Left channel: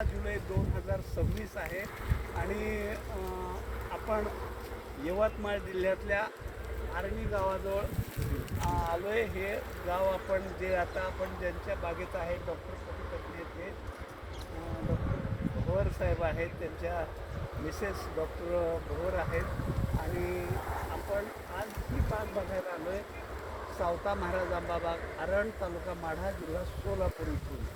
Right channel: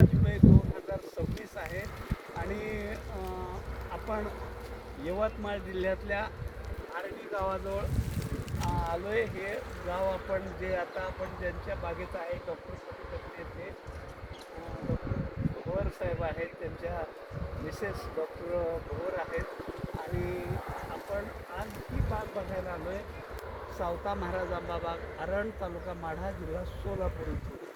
जुलै 2026 आहे आणि आपण यवतमाळ जिल्ह्यातल्या आर्णी गावाजवळ आलो आहे. हे गाव आपण जे आता आपण ज्यांच्या बागेत आहे डॉक्टर सती टकले ते डॉक्टर भवर साहेब आहेत, त्यांच्या मिसेस डॉक्टर भवर आहेत आणि आपण आज ही बाग बघायला आलो आहे. सावता महाराज आंबा बाग, आरण, तालुका माढा, जिल्हा सोलापूर इथून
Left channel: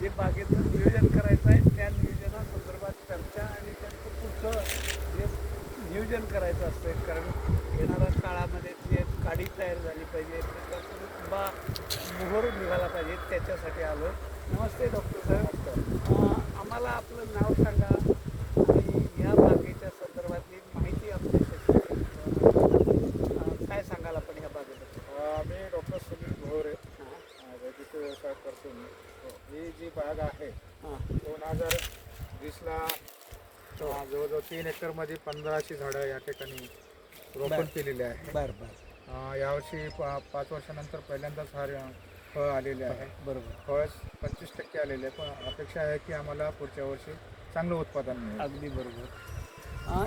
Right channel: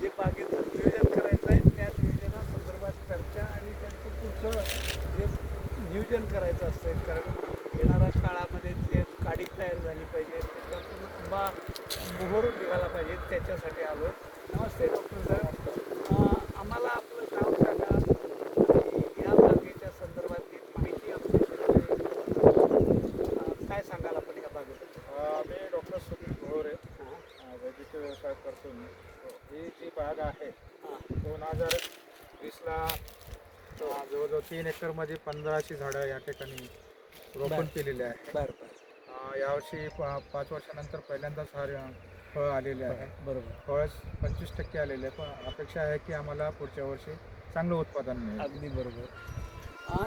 जे बागेचं नियोजन करायचं आहे त्या नियोजनासंदर्भात चर्चा आणि त्यांचं पुढचं जे नियोजन करायचं असतं, कारण येणाऱ्या काळामध्ये जे काडी तयार झाली पाहिजे, त्याच्यातून आंबा मोहरून निघाला पाहिजे, त्याच्यासाठी आलो आहे. नमस्ते डॉक्टर साहेब, आम्हाला आपलं नाव सांगा आणि या बागेच्या संदर्भातली माहिती आपल्याकडे काय सांगाल आपण या बागेबद्दल? मी डॉक्टर सुनील भोर वैद्यकीय व्यवसाय करतो मी. ही जी बाग आहे 2020ला जवळजवळ 3 एकरमध्ये 1500 झाडं या ठिकाणी रोपण केलेले आहे. बरं बरं. यावर्षी 5 वर्षानंतर पहिल्यांदाच फळ आलेले आहे. बरोबर. फळ 25% आलेले आहे, पण अपेक्षा आहे की आम्हाला पुढच्या वर्षी चांगलं उत्पादन मिळेल. अगदी बरोबर.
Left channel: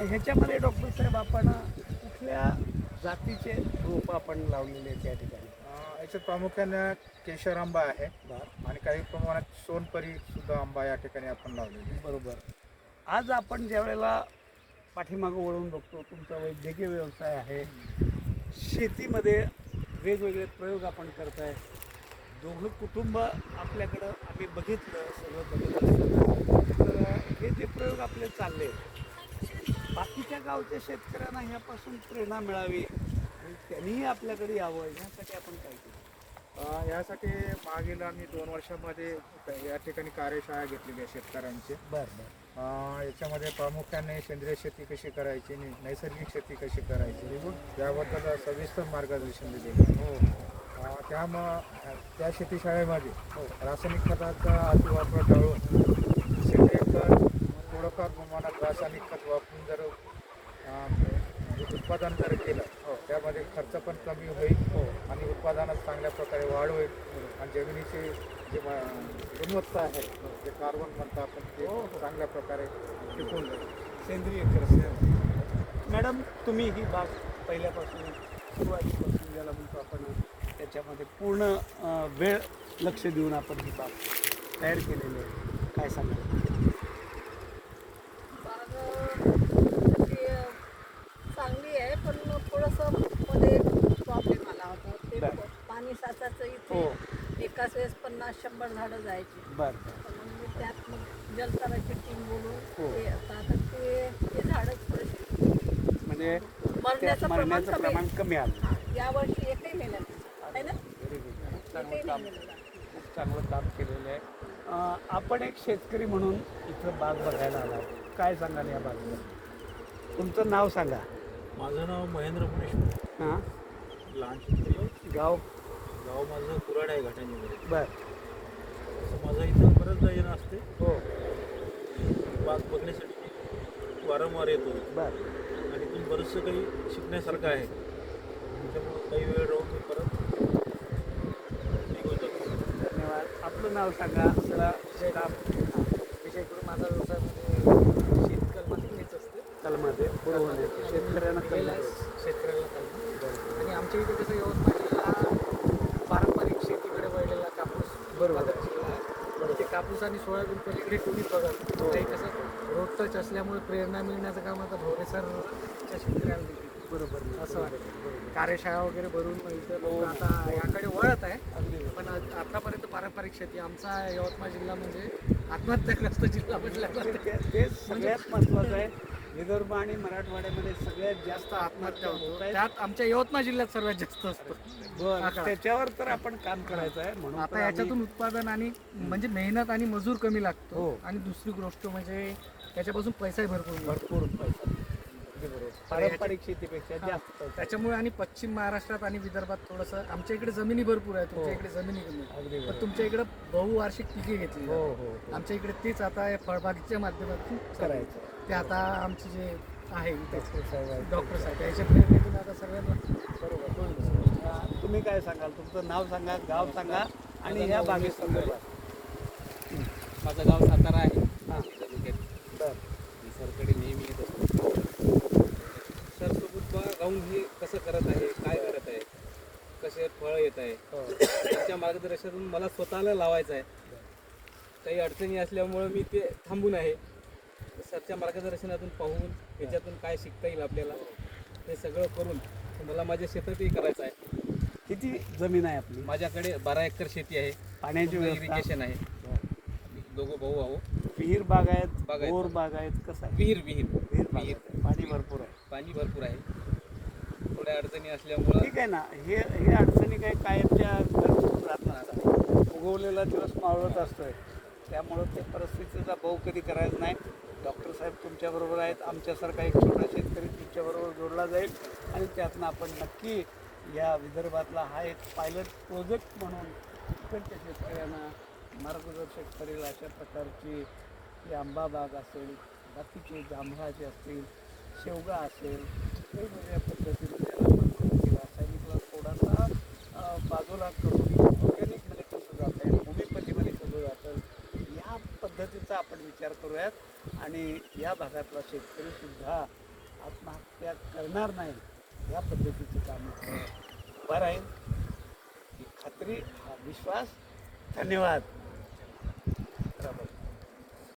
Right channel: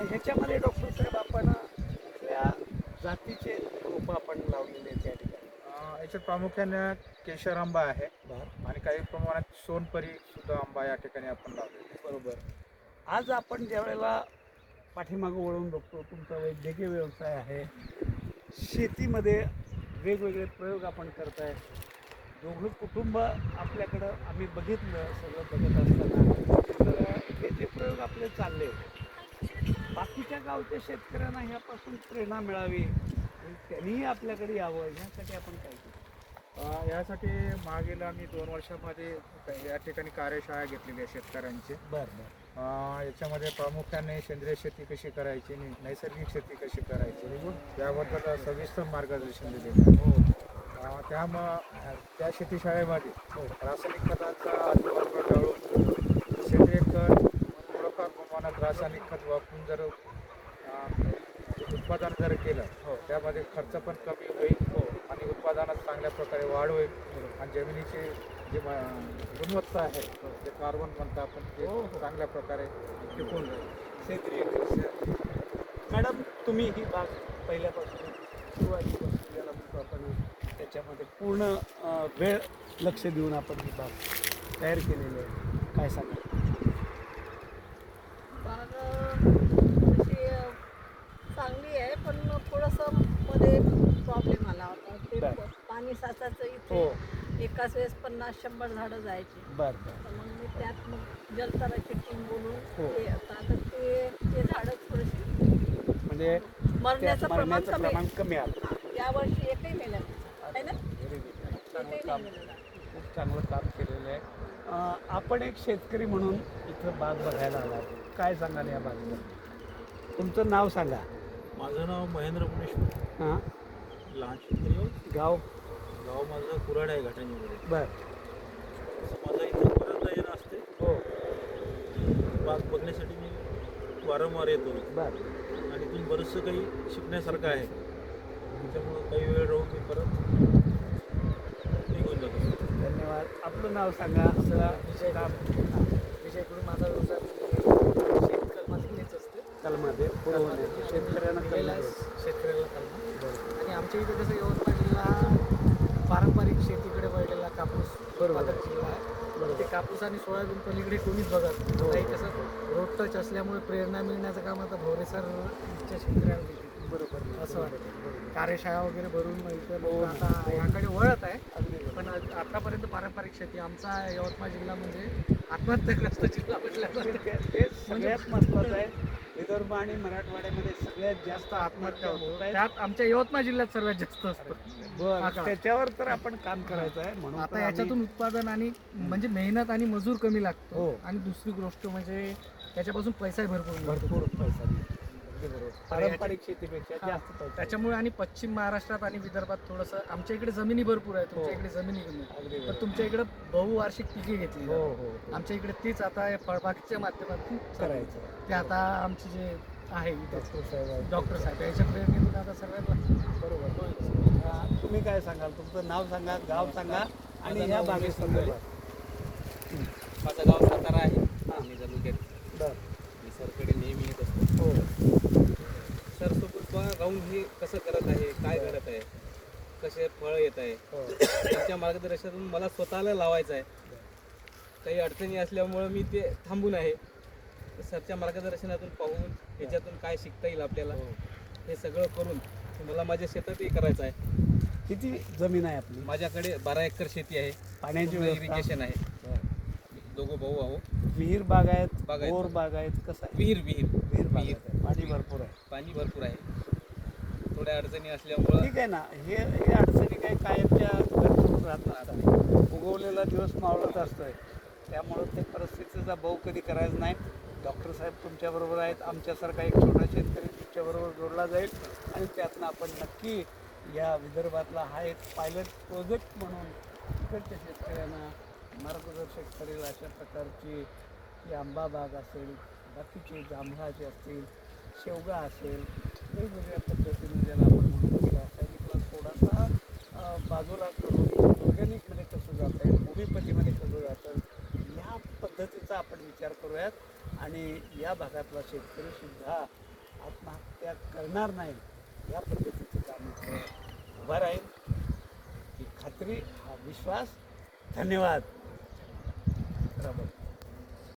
ह्याच्यामध्ये डॉक्टर साहेब आपण कुठल्या जातीचे रोपं आपण लावलेले आहेत त्या ठिकाणी? याच्यात प्रामुख्याने केशर आंबा आहे आणि काही प्रमाणात सोनपरी सुद्धा आंबा या ठिकाणी आपण लावलेला आहे. बरोबर. आज आपण ज्या वेळेला पाठीमागं वळून बघतो, तुमचा वैद्यकीय व्यवसाय आहे, शेतीमध्ये वेगवेगळे प्रयोग आपण करताय, दोघं कुटुंब आपल्याकडं आम्ही बघितलं, सगळं बघत असताना तर हे जे प्रयोग आपले चालले, बाकीच्या गावच्या शेतकऱ्यांना ह्यापासून प्रेरणा मिळावी आणि त्यांनीही आपल्याकडे यावं, ह्यासाठी आपण काय केलं? यासाठी मागील आम्ही 2 वर्षामध्ये या ठिकाणी कार्यशाळा घेतलेली आहे शेतकऱ्यांची. बरं बरं. याच्यामध्ये प्रामुख्याने सेंद्रिय शेती कशी करायची, नैसर्गिक शेती कशी करायची याबद्दल सविस्तर मार्गदर्शन दिलेलं. त्यामुळं त्या शेतीशाळेमध्ये रासायनिक खताचा अतिवापर टाळून सेंद्रिय खत, थोडंफार प्रमाणात रासायनिक खत वापरून जर उत्पादन जर केलं त्यामध्ये खर्च पण कमी होईल आणि उत्पादनात चांगल्या प्रकारे वाढ होईल आणि जमिनीची जी गुणवत्ता आहे, जे कार्बन म्हणतो आपण, ते चांगल्या प्रकारे टिकून राहील. सेंद्रिय खत. मॅडम, तुम्ही ही बाग पहिल्यापासून सुरुवातीपासून याला म्हणतो आपण त्याच्यामध्ये पूर्ण वेळ लक्ष देऊन आपण ही बाग तयार केलेली आहे, काय सांगा? बाग तशी चांगली आहे, पण थोडंसं मध्ये प्रॉब्लेम आला होता. ते पाणी साचायचं इथे एकाच वेळेस 50-100 झाडं जायची. बरं. तर मग मी त्यात जलतराची टीम बोलून ते आता ते झाडं थोडेसे म्हणजे मरण्याचं प्रमाण कमी आलं. यावर्षी एकही मेलं आहे ना. Very good. खूप चांगलं काम केलेलं आहे. आपण एक शेतकरी म्हणून इथं बाग बघायला आला आहे, काय सांगाल या बागेबद्दल? तुमचं नाव सांगा. माझं नाव महेंद्र पुणेश्वर. हां. लहान शेतकरी. गाव? गाव माझं कुराड आहे घाटांजीमध्ये. बरं. तसं माझा इथं बरंच येणं असते. हो. बाग बघण्यासाठी मी वारंवार येतो बरं. आणि इथून बरंचसं काही शिकण्यासारखं आहे. त्याच्यामुळं काही वेळ राहून मी परत निघून जातो. धन्यवाद. आपलं नाव सांगा. विजय करून माझा व्यवसाय शेतकलमा तिकडेच असते. कलमामध्ये शेतकऱ्यांना कळलं. शेतकऱ्याला कलमा. आणि आमच्या इथे कसं यवतमाळ जिल्हा पारंपरिक शेतीकडे वळलेला कापूस उत्पादक जिल्हा आहे. ते कापूस आणि सोयाबीन पलीकडे कोणीच बघत नाही. कसं रोड टच असल्यामुळे प्रेरणा मिळण्याचं काम आता भोवरेसरच्या शेतकऱ्याला देखील बरोबर असं वाटतं. कार्यशाळा वगैरे भरून इथं आता याकडे वळत आहे. पण आतापर्यंत पारंपरिक शेती आमचा यवतमाळ जिल्हा म्हणजे आत्महत्याग्रस्त जिल्हा म्हटल्यानंतर ते सगळ्यात महत्त्वाचं आहे. विदर्भ आणि मराठवाड्यामध्ये सगळ्यात जास्त आत्महत्या होत आहेत. त्यात आमच्या यवतमाळ जिल्ह्यात सर्वात जास्त असतं. बरं, त्याच्यावर तर आपण काम करायचं आहे. म्हणून आता याच्यातून उत्पादन आणि म्हणजे मेहनत आणि मजूर कमी लागतो. हो. आणि दुसरी गोष्ट म्हणजे त्याच्यापासून पैसाही भरपूर मिळतो. भरपूर पैसा. पारंपरिक शेतीपेक्षा जास्त पैसा. त्याच्यामुळे आणि पश्चिम महाराष्ट्रात आणि विदर्भात थोडंसं आमच्या इकडे जमिनी भरपूर आहे, तुमच्या इकडे जमिनी कमी. अगदी पण तुमच्या इकडे बहुवार्षिक पिके घेतली. हो हो. आमच्या इकडे तीच आता फळबागेच्या माध्यमातून करायचं. ते आता आमची जे आहे डॉक्टर साहेब आहेत. डॉक्टर साहेब याच्या प्रेरणेतून आता सगळ्यांना बरोबर. तुम्ही काय सांगाल? तुमचं नाव सांगा, गाव सांगा आणि या बागेसंदर्भात. माझं गाव सातारा आहे. कसं करत आहे, काय करत आहे, कसे फळ येत आहे, हो. त्यांच्या मार्गदर्शनातून मला स्वतःला लावायचं आहे. काही अडचणी असल्यामुळं मी ते थांबून आहे. तर सरच्या मार्गदर्शनातून पाहून याच्यातून काय शिकता येईल आपल्याला हे सगळं करून मला माझ्या शेतातही करायचं आहे. किती जमीन आहे आपली? माझ्याकडे 12 एकर शेती आहे, पाण्याची व्यवस्था? इरिगेशन आहे. आम्ही दोघं भाऊ आहो. विहीर बाग आहेत, बाग आहेत. बोर बाग आहेत, कसं आहे? विहीर विहीर विहीर बाग विहीर आहे. पाणी भरपूर आहे. पाणी भरपूर आहे. थोड्या अडचणी असल्यामुळं ठीक आहे ना. हे अडचणी काय कायमच्या घरचूक राहत नसतात. उगवलेला दिवस मावळत असतोय, त्यामुळं ते परिस्थितीचा भाऊ कधी करायचा नाही. डॉक्टर साहेब तुमच्याबरोबर आहेत, आमच्यासारखा एक छोटा शेतकरी तुमच्याबरोबर जोडला जाईल आणि त्यातनं आपण नक्की या विदर्भातला हा एक पायलट प्रोजेक्ट म्हणून इकडच्या शेतकऱ्यांना मार्गदर्शक करेल अशा प्रकारची ही आंबा बाग असेल, बाकीचे जांभळाचे असतील, शेवगा असेल, वेगवेगळ्या पद्धतीने त्याला आपण रासायनिकला थोडासा बाजूला करून ऑर्गॅनिकमध्ये कसं जाता येईल, होमिओपॅथीमध्ये कसं जाता येईल, या पद्धतीचा आपण विचार करूयात आणि या भागातला शेतकरीसुद्धा आत्महत्या करणार नाही या पद्धतीचं काम इथं उभा राहील ही खात्री, हा विश्वास. धन्यवाद. राबाई.